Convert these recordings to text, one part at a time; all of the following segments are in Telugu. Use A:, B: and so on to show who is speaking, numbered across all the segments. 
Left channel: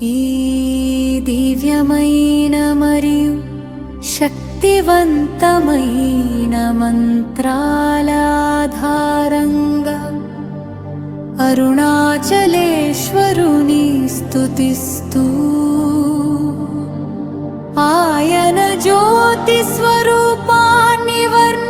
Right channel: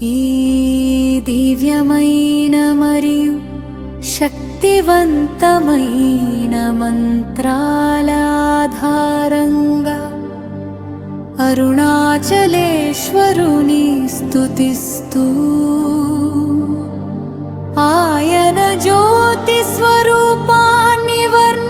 A: ఈ దివ్యమైన మరియు శక్తివంతమైన మంత్రాలాధారంగా అరుణాచలేశ్వరుని స్థుతిస్తూ ఆయన జ్యోతి స్వరూపాన్ని వర్ణ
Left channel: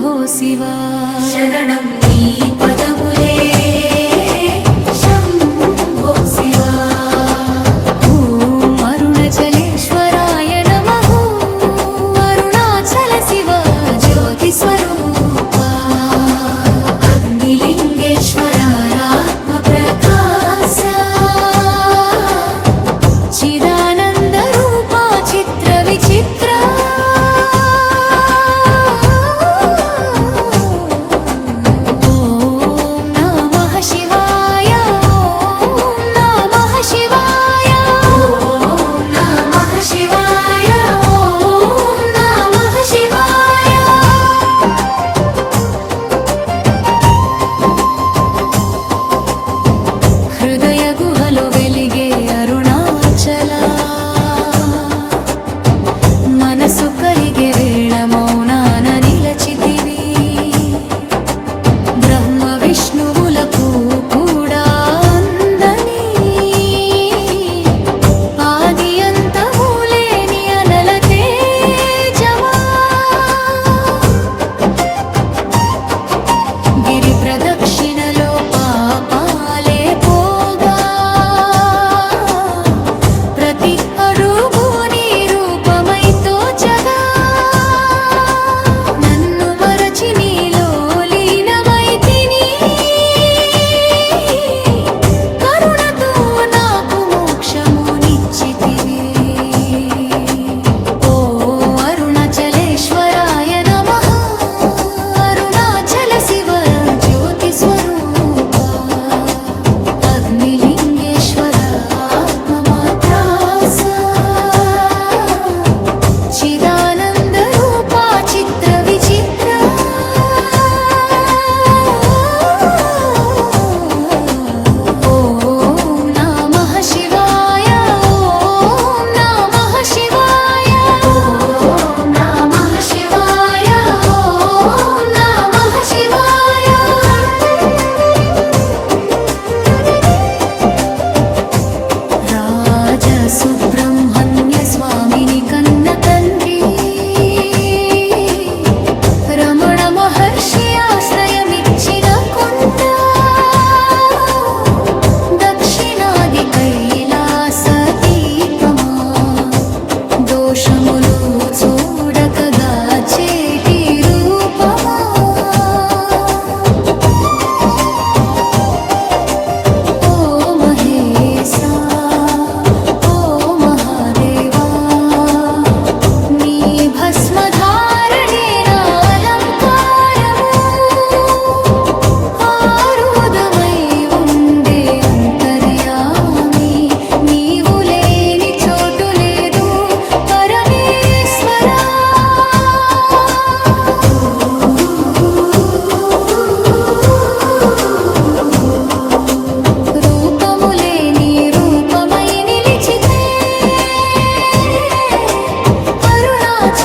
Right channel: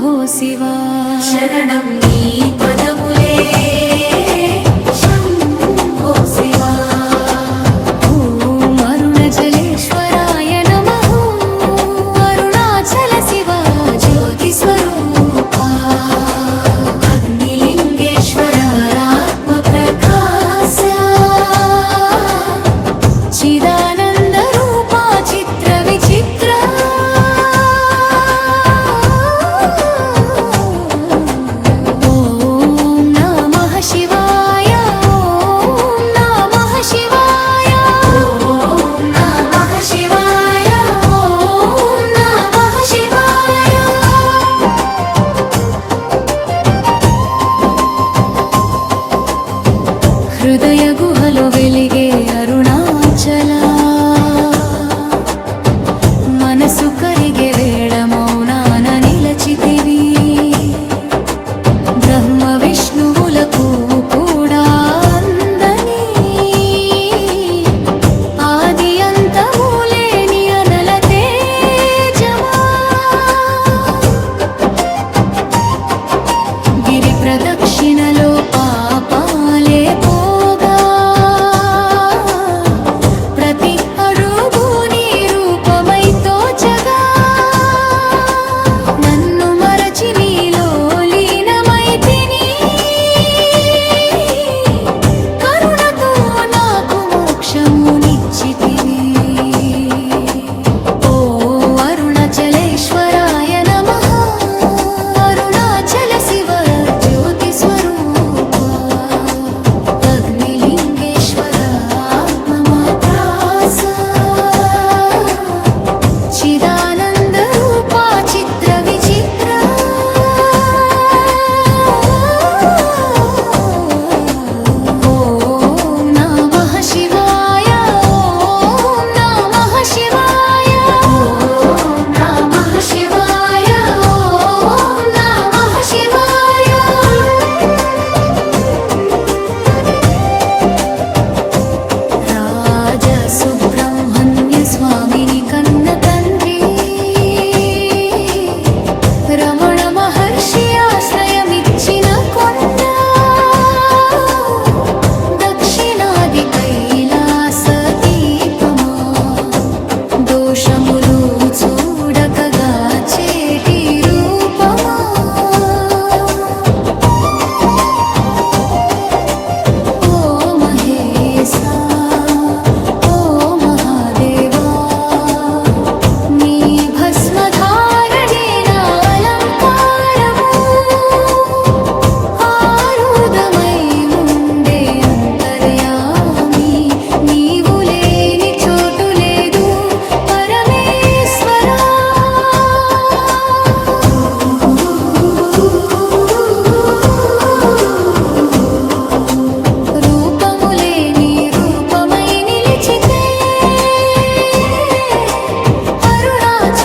A: भो शिवा शरणं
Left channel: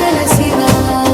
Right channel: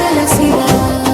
A: అరుణాచల